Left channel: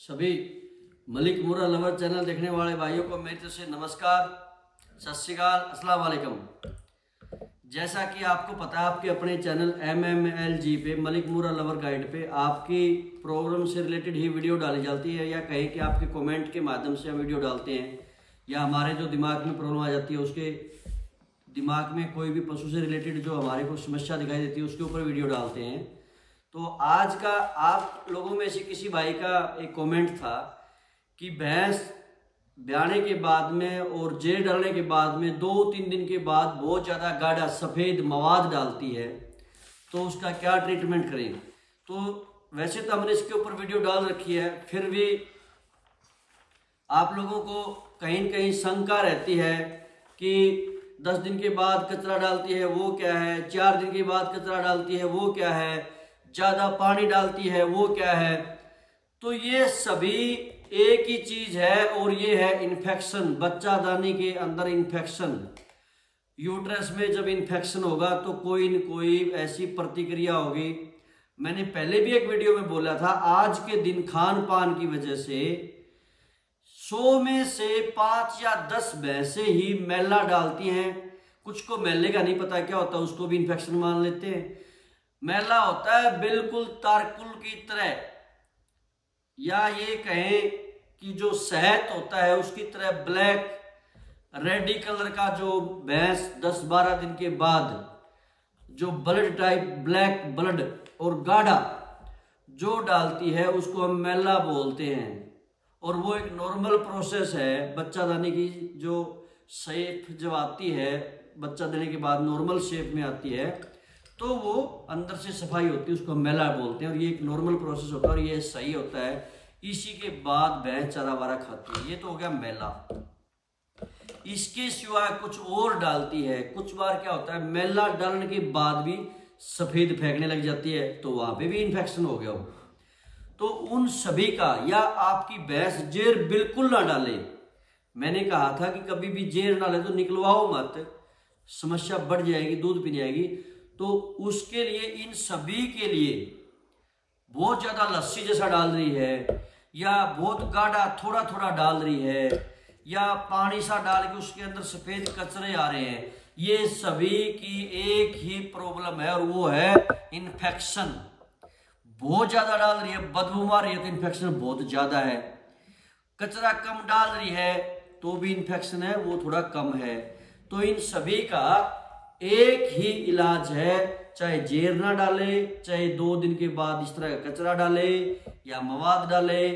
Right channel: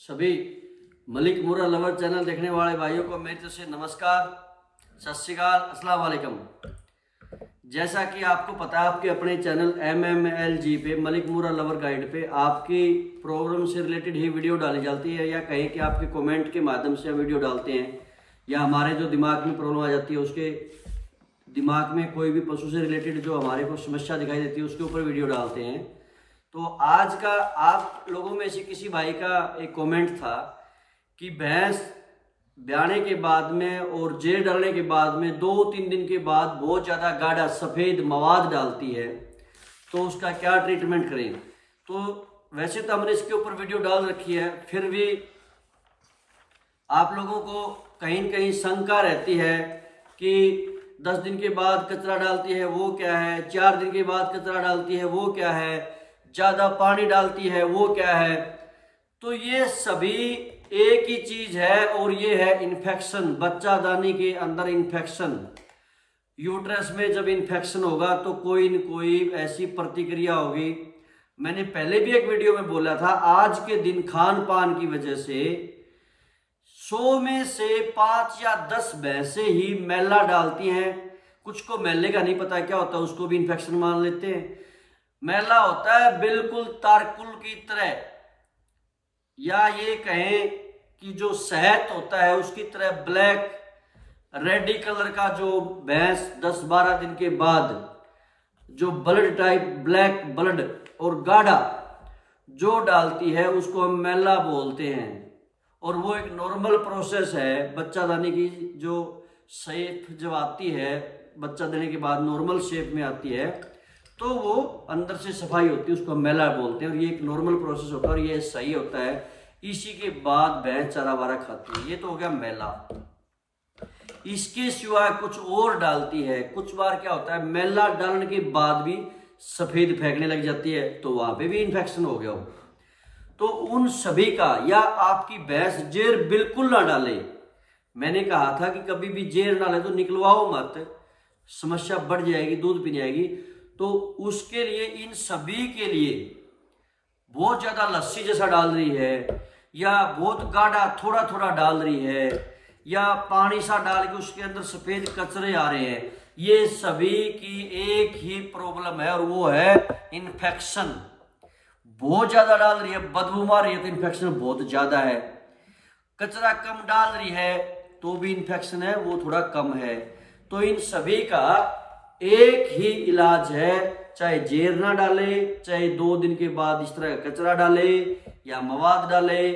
सभी मलिक मुरा lover channel देखने वाले भाइयों को मेरी तरफ से नमस्कार, सत श्री अकाल, अस्सलाम वालेकुम। जैसा कि आपको पता है, आपके अपने चैनल MMLG पे मलिक मुरा लवर गाइड पे आपकी प्रॉब्लम से रिलेटेड ही वीडियो डाली जाती है, या कहें कि आपके कमेंट के माध्यम से हम वीडियो डालते हैं, या हमारे जो दिमाग में प्रॉब्लम आ जाती है, उसके दिमाग में कोई भी पशु से रिलेटेड जो हमारे को समस्या दिखाई देती है उसके ऊपर वीडियो डालते हैं। तो आज का आप लोगों में से किसी भाई का एक कमेंट था कि भैंस ब्याने के बाद में और जेर डालने के बाद में 2-3 दिन के बाद बहुत ज़्यादा गाढ़ा सफ़ेद मवाद डालती है, तो उसका क्या ट्रीटमेंट करें। तो वैसे तो हमने इसके ऊपर वीडियो डाल रखी है, फिर भी आप लोगों को कहीं न कहीं शंका रहती है कि 10 दिन के बाद कचरा डालती है वो क्या है, 4 दिन के बाद कचरा डालती है वो क्या है, ज़्यादा पानी डालती है वो क्या है। तो ये सभी एक ही चीज है, और ये है इन्फेक्शन। बच्चादानी के अंदर इन्फेक्शन, यूट्रस में जब इन्फेक्शन होगा तो कोई न कोई ऐसी प्रतिक्रिया होगी। मैंने पहले भी एक वीडियो में बोला था, आज के दिन खान पान की वजह से 100 में से 5 या 10 भैंसें ही मैला डालती हैं। कुछ को मैले का नहीं पता क्या होता है, उसको भी इन्फेक्शन मान लेते हैं। मैला होता है बिल्कुल तारकुल की तरह, या ये कहें कि जो शहद होता है उसकी तरह ब्लैक रेडी कलर का जो भैंस 10-12 दिन के बाद जो ब्लड टाइप ब्लैक ब्लड और गाढ़ा जो डालती है उसको हम मैला बोलते हैं। और वो एक नॉर्मल प्रोसेस है बच्चादानी की। जो शेप जब आती है बच्चा देने के बाद नॉर्मल शेप में आती है, तो वो अंदर से सफाई होती है, उसको मैला बोलते हैं। और ये एक नॉर्मल प्रोसेस होता है और ये सही होता है। इसी के बाद भैंस चारा वारा खाती है। ये तो हो गया मैला। इसके सिवाय कुछ और डालती है। कुछ बार क्या होता है, मैला डालने के बाद भी सफेद फेंकने लग जाती है, तो वहां पे भी इन्फेक्शन हो गया हो। तो उन सभी का, या आपकी भैंस जेर बिल्कुल ना डाले। मैंने कहा था कि कभी भी जेर ना ले तो निकलवाओ मत, समस्या बढ़ जाएगी, दूध पी जाएगी। तो उसके लिए, इन सभी के लिए बहुत ज्यादा लस्सी जैसा डाल रही है, या बहुत गाढ़ा थोड़ा थोड़ा डाल रही है, या पानी सा डाल के उसके अंदर सफेद कचरे आ रहे हैं, ये सभी की एक ही प्रॉब्लम है, और वो है इन्फेक्शन। बहुत ज्यादा डाल रही है, बदबू मार रही है तो इन्फेक्शन बहुत ज्यादा है। कचरा कम डाल रही है तो भी इन्फेक्शन है, वो थोड़ा कम है। तो इन सभी का एक ही इलाज है, चाहे जेर ना डाले, चाहे 2 दिन के बाद इस तरह का कचरा डाले या मवाद डाले,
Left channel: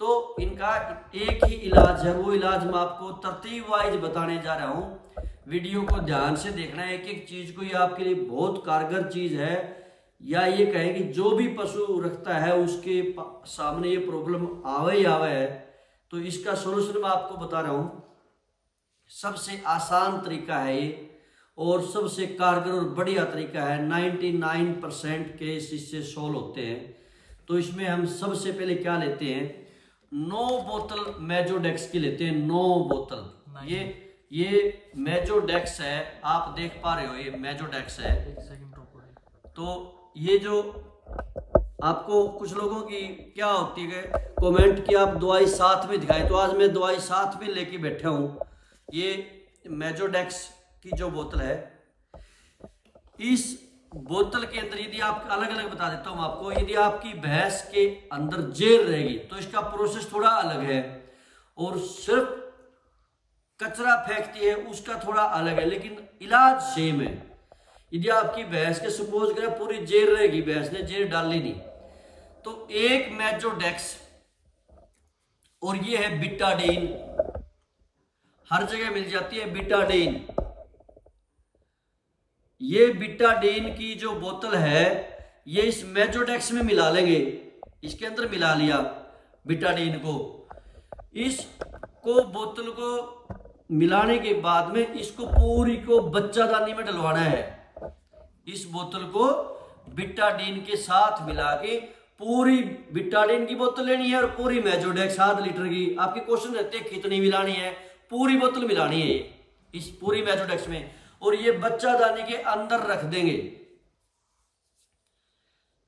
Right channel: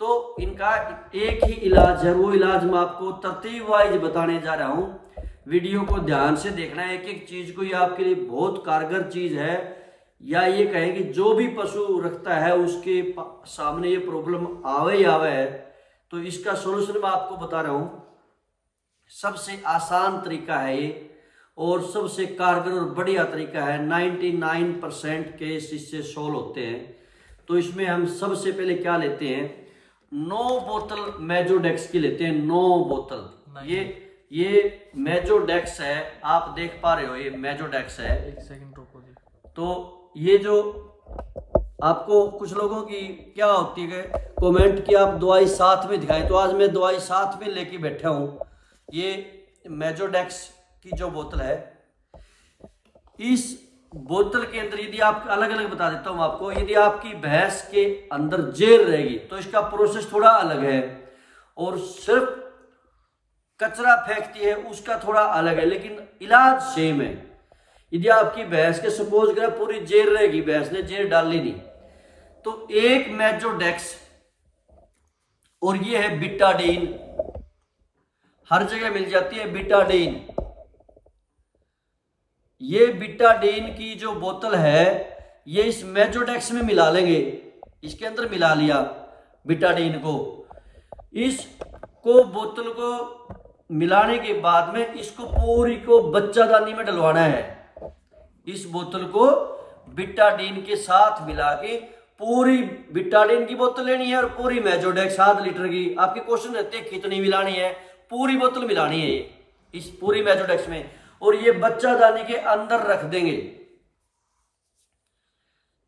तो इनका एक ही इलाज है। वो इलाज मैं आपको तरतीब वाइज बताने जा रहा हूं। वीडियो को ध्यान से देखना है, एक एक चीज को। ये आपके लिए बहुत कारगर चीज है, या ये कहें कि जो भी पशु रखता है उसके सामने ये प्रॉब्लम आवे ही आवे है, तो इसका सोल्यूशन मैं आपको बता रहा हूं। सबसे आसान तरीका है ये, और सबसे कारगर और बढ़िया तरीका है। 99% केस इससे सोल्व होते हैं। तो इसमें हम सबसे पहले क्या लेते हैं, 9 बोतल मेजोडेक्स की लेते हैं। 9 बोतल। ये मेजोडेक्स है, आप देख पा रहे हो, ये मेजोडेक्स है। एक सेकंड रुको। तो ये जो आपको कुछ लोगों की क्या होती है कमेंट कि आप दवाई साथ में दिखाएं, तो आज मैं दवाई साथ में लेके बैठा हूं। ये मेजोडेक्स की जो बोतल है, इस बोतल के अंदर, यदि आप अलग अलग बता देता हूं आपको, यदि आपकी भैंस के अंदर जेर रहेगी तो इसका प्रोसेस थोड़ा अलग है, और सिर्फ कचरा फेंकती है उसका थोड़ा अलग है, लेकिन इलाज सेम है। यदि आपकी भैंस के सपोज करें पूरी जेर रहेगी, भैंस ने जेर डाली नहीं, तो एक मेजोडेक्स, और ये है बिटाडीन, हर जगह मिल जाती है बिटाडीन। ये बिटाडीन की जो बोतल है, ये इस मेजोडेक्स में मिला लेंगे। इसके अंदर मिला लिया बिटाडीन को। इसको बोतल को मिलाने के बाद में इसको पूरी को बच्चादानी में डलवाना है। इस बोतल को बिटाडीन के साथ मिला के, पूरी बिटाडीन की बोतल लेनी है और पूरी मेजोडेक्स 7 लीटर की। आपके क्वेश्चन रहते हैं कितनी मिलानी है, पूरी बोतल मिलानी है इस पूरी मेजोडेक्स में, और ये बच्चादानी के अंदर रख देंगे।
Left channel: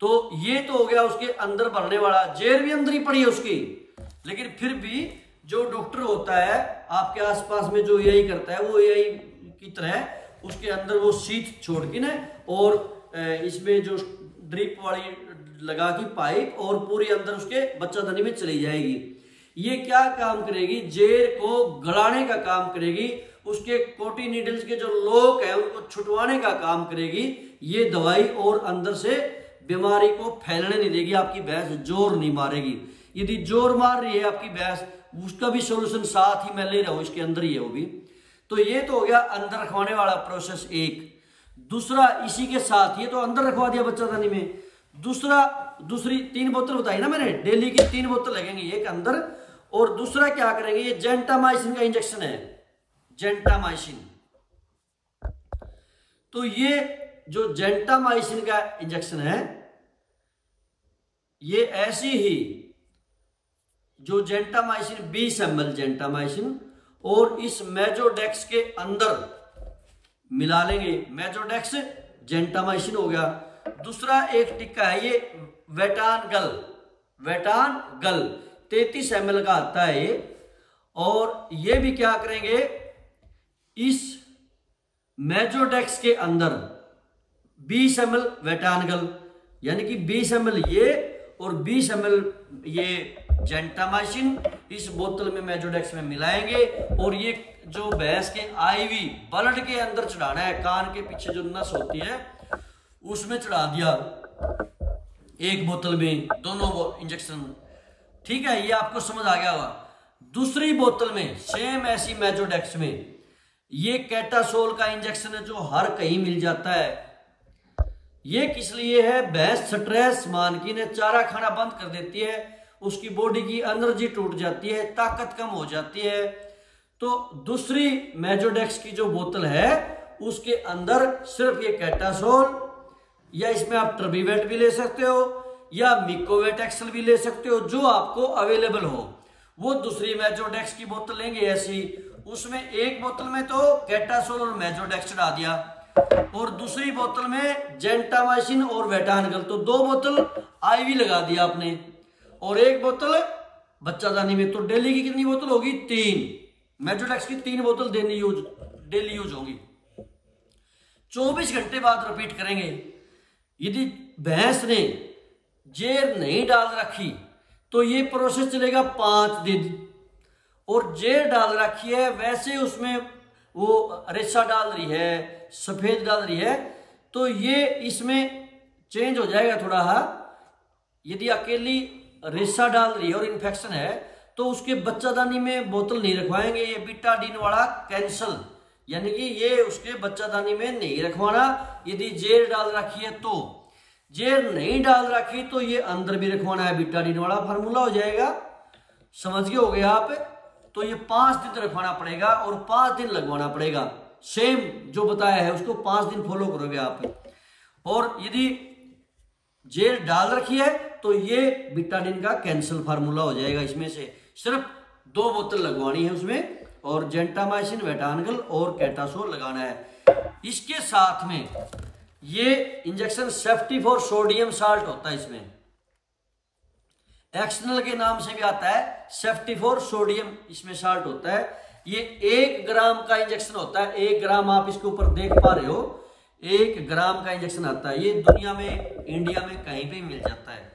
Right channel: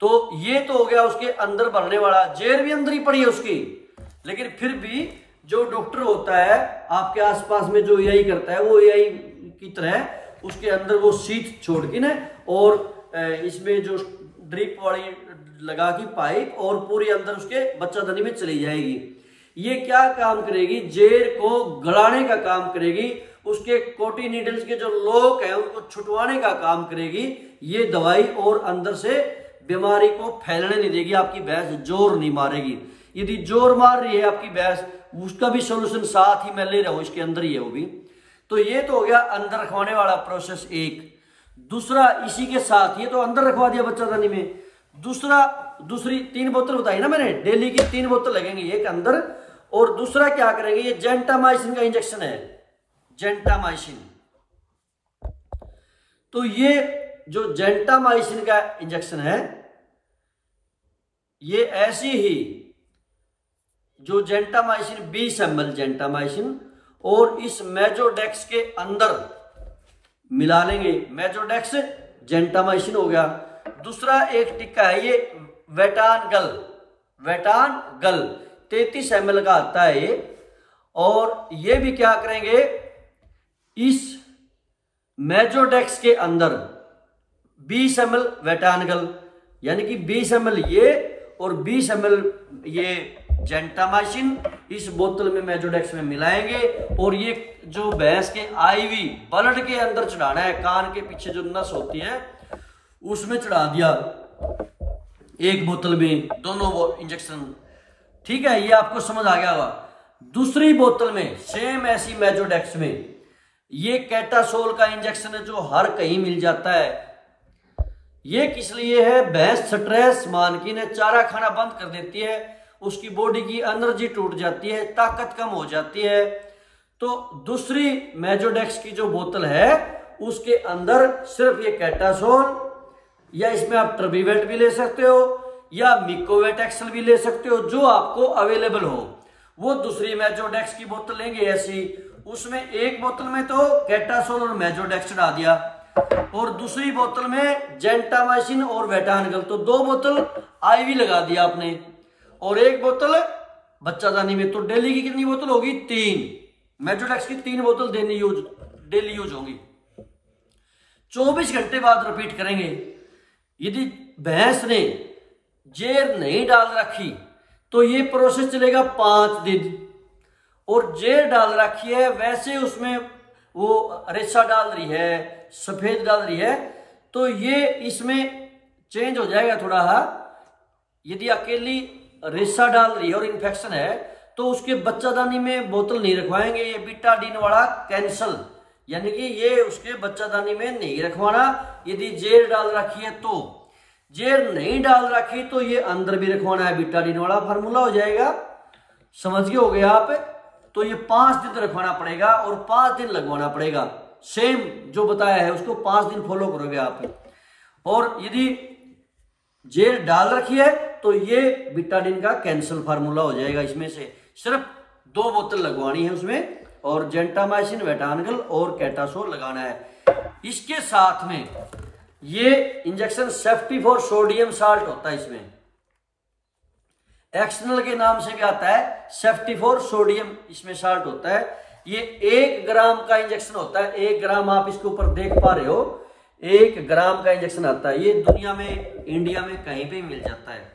तो ये तो हो गया उसके अंदर भरने वाला, जेर भी अंदर ही पड़ी है उसकी। लेकिन फिर भी जो डॉक्टर होता है आपके आसपास में जो एआई करता है, वो एआई की तरह उसके अंदर वो शीट छोड़ के ना, और इसमें जो ड्रिप वाली लगा की पाइप, और पूरी अंदर उसके बच्चादानी में चली जाएगी। ये क्या काम करेगी, जेर को गलाने का काम करेगी, उसके कोटी नीडल्स के जो लोक है उनको छुटवाने का काम करेगी ये दवाई, और अंदर से बीमारी को फैलने नहीं देगी। आपकी भैंस जोर नहीं मारेगी। यदि जोर मार रही है आपकी भैंस, उसका भी सोल्यूशन साथ ही मैं ले रहा हूं, इसके अंदर ही है वो भी। तो ये तो हो गया अंदर रखवाने वाला प्रोसेस एक। दूसरा इसी के साथ, ये तो अंदर रखवा दिया बच्चादानी में। दूसरी 3 बोतल बताई ना मैंने, डेली की 3 बोतल लगेंगी, एक अंदर, और दूसरा क्या करेंगे, ये जेंटामाइसिन का इंजेक्शन है, जेंटामाइसिन। तो ये जो जेंटामाइसिन का इंजेक्शन है, ये ऐसी ही जो जेंटामाइसिन 20 ml जेंटामाइसिन, और इस मेजोडेक्स के अंदर मिला लेंगे। मेजोडेक्स जेंटामाइसिन हो गया। दूसरा एक टिक्का है ये वेटानगल, वेटानगल 33 ml का आता है ये। और ये भी क्या करेंगे, इस मेजोडेक्स के अंदर 20 ml वेटानगल, यानी कि 20 ml ये और 20 ml ये जेंटामाइसिन इस बोतल में मेजोडेक्स में मिलाएंगे, और ये जो भैंस के आईवी ब्लड के अंदर चढ़ाना है, कान के पीछे जो नस होती है उसमें चढ़ा दिया एक बोतल में, दोनों इंजेक्शन। ठीक है, ये आपको समझ आ गया होगा। दूसरी बोतल में सेम ऐसी मेजोडेक्स में ये कैटासोल का इंजेक्शन है, जो हर कहीं मिल जाता है। ये किस लिए है, भैंस स्ट्रेस मान की ने चारा खाना बंद कर देती है, उसकी बॉडी की एनर्जी टूट जाती है, ताकत कम हो जाती है। तो दूसरी मेजोडेक्स की जो बोतल है उसके अंदर सिर्फ ये कैटासोल, या इसमें आप ट्रबीवेट भी ले सकते हो या मिकोवेट एक्सल भी ले सकते हो, जो आपको अवेलेबल हो। वो दूसरी मेजोडेक्स की बोतल लेंगे ऐसी, उसमें एक बोतल में तो कैटासोल और मेजोडेक्स डाल दिया, और दूसरी बोतल में जेंटामाइसिन और वेटानगल, तो 2 बोतल आईवी लगा दिया आपने, और एक बोतल बच्चादानी में। तो डेली की कितनी बोतल होगी, 3। मेजोडेक्स की 3 बोतल डेली यूज होगी। 24 घंटे बाद रिपीट करेंगे। यदि भैंस ने जेर नहीं डाल रखी तो ये प्रोसेस चलेगा 5 दिन, और जेर डाल रखी है, वैसे उसमें वो रेशा डाल रही है, सफेद डाल रही है, तो ये इसमें चेंज हो जाएगा थोड़ा। यदि अकेली रेशा डाल रही है और इन्फेक्शन है तो उसके बच्चादानी में बोतल नहीं रखवाएंगे, ये बीटाडीन वाला कैंसल, यानी कि ये उसके बच्चादानी में नहीं रखवाना। यदि जेर डाल रखी है तो, जेर नहीं डाल रखी तो ये अंदर भी रखवाना है, बीटाडीन वाला फार्मूला हो जाएगा। समझ गए हो गए आप। तो ये 5 दिन रखवाना पड़ेगा और 5 दिन लगवाना पड़ेगा। सेम जो बताया है उसको 5 दिन फॉलो करोगे आप। और यदि जेल डाल रखी है तो ये बीटाडीन का कैंसल फार्मूला हो जाएगा। इसमें से सिर्फ 2 बोतल लगवानी है उसमें, और जेंटामाइसिन, वेटानगल और कैटासोल लगाना है। इसके साथ में ये injection safety for sodium salt होता है, इसमें एक्सनल के नाम से भी आता है, सेफ्टी फॉर सोडियम इसमें साल्ट होता है। ये 1 ग्राम का इंजेक्शन होता है। 1 ग्राम आप इसके ऊपर देख पा रहे हो, 1 ग्राम का इंजेक्शन आता है। ये दुनिया में, इंडिया में कहीं पे मिल जाता है।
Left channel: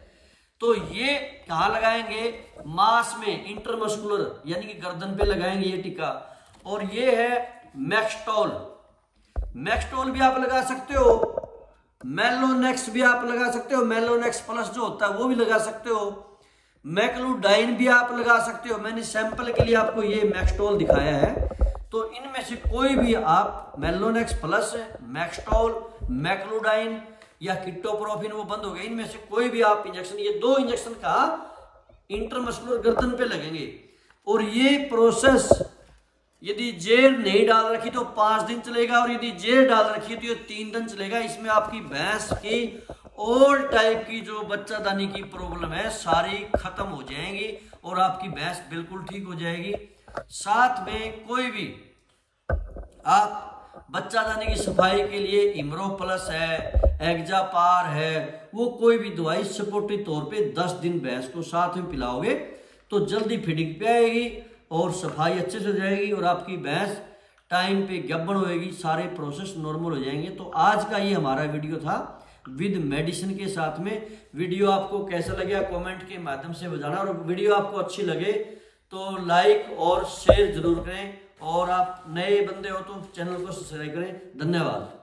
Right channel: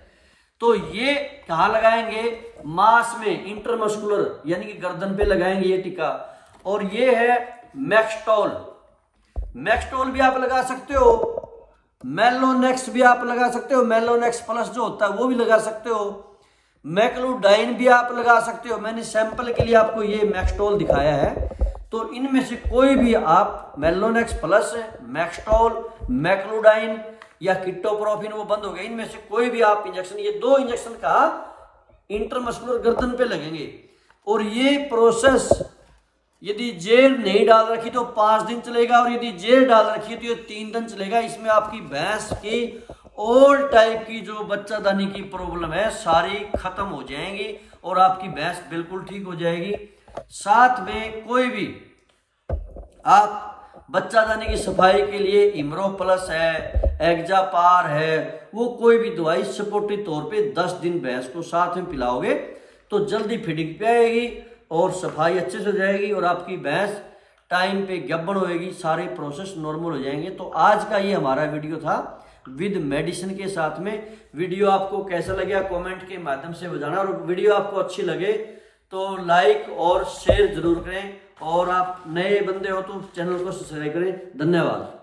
तो ये कहाँ लगाएंगे, मास में, इंटरमस्कुलर यानी कि गर्दन पे लगाएंगे ये टीका। और ये है मैक्सटोल, मैक्सटोल भी आप लगा सकते हो, मेलोनेक्स भी आप लगा सकते हो, मेलोनेक्स प्लस जो होता है वो भी लगा सकते हो, मैक्लोडाइन भी आप लगा सकते हो। मैंने सैंपल के लिए आपको ये मैक्सटोल दिखाया है, तो इनमें से कोई भी आप, मेलोनेक्स प्लस, मैक्सटोल, मैक्लोडाइन या किटोप्रोफिन, वो बंद हो गया, इनमें से कोई भी आप इंजेक्शन, ये 2 इंजेक्शन का इंटरमस्कुलर गर्दन पे लगेंगे। और ये प्रोसेस यदि जेल नहीं डाल रखी तो 5 दिन चलेगा, और यदि जेल डाल रखी तो ये 3 दिन चलेगा। इसमें आपकी भैंस की ऑल टाइप की जो बच्चादानी की प्रॉब्लम है सारी खत्म हो जाएंगी, और आपकी भैंस बिल्कुल ठीक हो जाएगी। साथ में कोई भी आप बच्चादानी की सफाई के लिए इमरो प्लस है, एक्जापार है, वो कोई भी दवाई सपोर्टिव तौर पे 10 दिन भैंस को साथ में पिलाओगे तो जल्दी फीडिंग पे आएगी और सफाई अच्छे से हो जाएगी और आपकी भैंस टाइम पे गब्बन होएगी, सारे प्रोसेस नॉर्मल हो जाएंगे। तो आज का ये हमारा वीडियो था विद मेडिसिन के साथ में। वीडियो आपको कैसा लगा कमेंट के माध्यम से बताना, और वीडियो आपको अच्छी लगे तो लाइक और शेयर जरूर करें, और आप नए बंदे हो तो चैनल को सब्सक्राइब करें। धन्यवाद।